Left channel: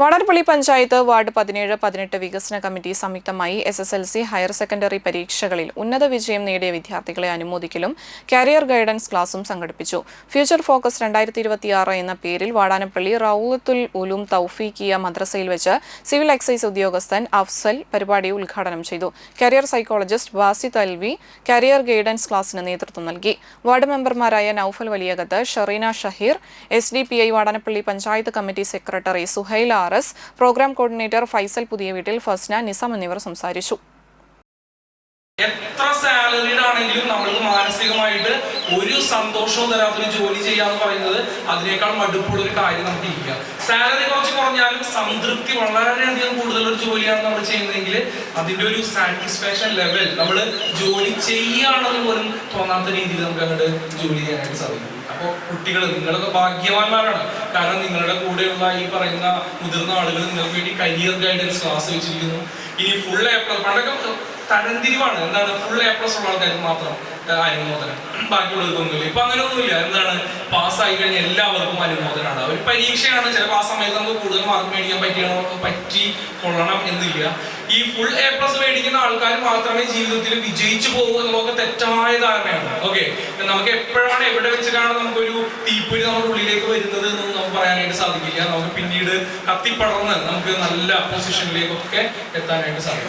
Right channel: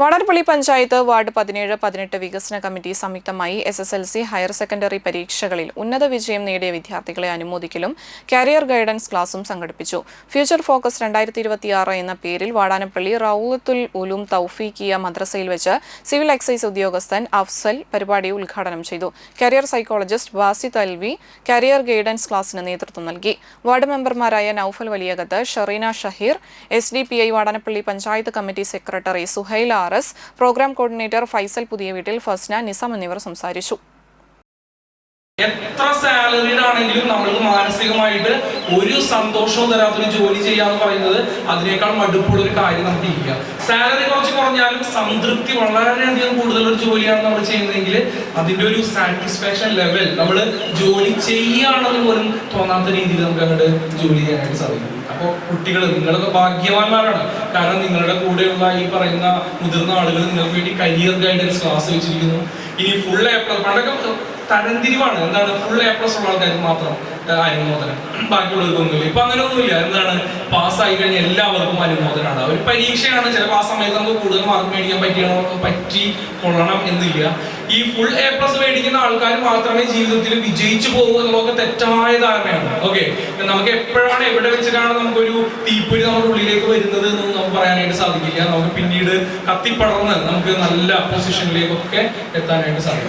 Vadanappally panchayat ward 17-18 വികസന committee സംയുക്തമായി SSLC higher secondary പരീക്ഷകളിൽ ഉന്നത വിജയം നേടിയ വിദ്യാർത്ഥികളെ അനുമോദിക്കലും കരിയർ ഗൈഡൻസ് ക്ലാസും സംഘടിപ്പിച്ചു. ഫ്യൂച്ചർ ഫോക്കസ് 2026 എന്ന പേരിൽ വാടാനപ്പള്ളി റൗളത്തുൽ ഉലൂം തൗഫീഖിയ മദ്രസയിൽ വെച്ച് സിവിൽ എക്സൈസ് ഉദ്യോഗസ്ഥൻ അഫ്സൽ പരിപാടി ഉദ്ഘാടനം ചെയ്തു. Career psychologist Basith Alvi career guidance ക്ലാസിന് നേതൃത്വം നൽകി. വാർഡ് മെമ്പർമാരായ Noufal Valiyakath, Shareena Shaheer, SDPI Vadanappally panchayat committee secretary Suhail programme coordinator Faisal Puthiyaveettil, Fasna, Nisam എന്നിവർ സംസാരിച്ചു. എത്ര സാലറീഡ് ആണെങ്കിലും നമ്മൾക്ക് മാനസികമായിട്ട് ഒരു സന്തോഷവും തരാത്തൊരു ജോലി ചെയ്യാന്ന് പറയുന്നത് അതിനേക്കാൾ മടുപ്പുള്ള ഒരു കാര്യം നമുക്ക് ഇരിക്കുക. സാലറി കുറച്ച് കുറഞ്ഞാലും സംതൃപ്തി വളരെയധികം കൂടുതലൊരു ജോലിയാണ് നമ്മൾ ചെയ്യുന്നതെങ്കിൽ അതിന്റെ ഒരു സാറ്റിസ്ഫാക്ഷൻ ലെവൽ നമ്മൾ ജോലി ചെയ്യുകയാണെന്ന് പോലും തോന്നാത്ത രീതിയിൽ നമുക്ക് അങ്ങോട്ട് ജോലി ചെയ്യാനായിട്ട് സാധിക്കും. അപ്പോൾ കുട്ടികൾ, നിങ്ങളൊക്കെ ഭാഗ്യവാന്മാരാണ്. കാരണം നിങ്ങളുടെ കൂടെയുള്ള ഈ പറയുന്ന മുതിർന്ന ആളുകൾ നിങ്ങൾക്ക് വേണ്ടി കരിയർ ഗൈഡൻസ് ക്ലാസ് വെച്ചിരിക്കുന്നു. ഇനി ഫുൾ A+, പണ്ടൊക്കെ തരംതിരിവാണ്. എന്താണ്, ഫുൾ A+ ഉള്ള ആൾക്കാർക്ക് മാത്രം അനുമോദനം, ബാക്കിയുള്ളവർക്കൊന്നുമില്ല. ഇപ്പൊ അങ്ങനെയൊന്നുമില്ല. എന്താണ്, പാസ്സായി കഴിഞ്ഞാൽ എല്ലാവർക്കും അനുമോദനമാണ്. ഒരു പരീക്ഷയാണ്, ചിലപ്പോൾ ആ സമയത്ത് നമുക്ക് കൂടുതൽ മാർക്ക് മേടിക്കാൻ പറ്റി കൊള്ളണം എന്നില്ല. ഈ ഫുൾ A+ മേടിക്കുന്ന ആൾക്കാർ മാത്രമേ ജീവിതത്തിൽ വിജയിച്ചു പോകും എന്നുള്ളതൊക്കെ തെറ്റായ ധാരണയാണ്. ഓക്കെ, നമുക്ക് എപ്പോഴാണ് എവിടെ വെച്ചിട്ടാണ് നമുക്കൊരു തീപ്പൊരി നമ്മുടെ ഉള്ളിലേക്ക് വരുന്നത് എന്നൊന്നും നമുക്ക് പറയാനായിട്ട് സാധിക്കില്ല. നമുക്ക് പിന്നീട് കത്തിപ്പടർന്ന് നമുക്ക് നല്ല പൊസിഷനിലേക്കൊക്കെ എത്താനായിട്ട് സാധിക്കും.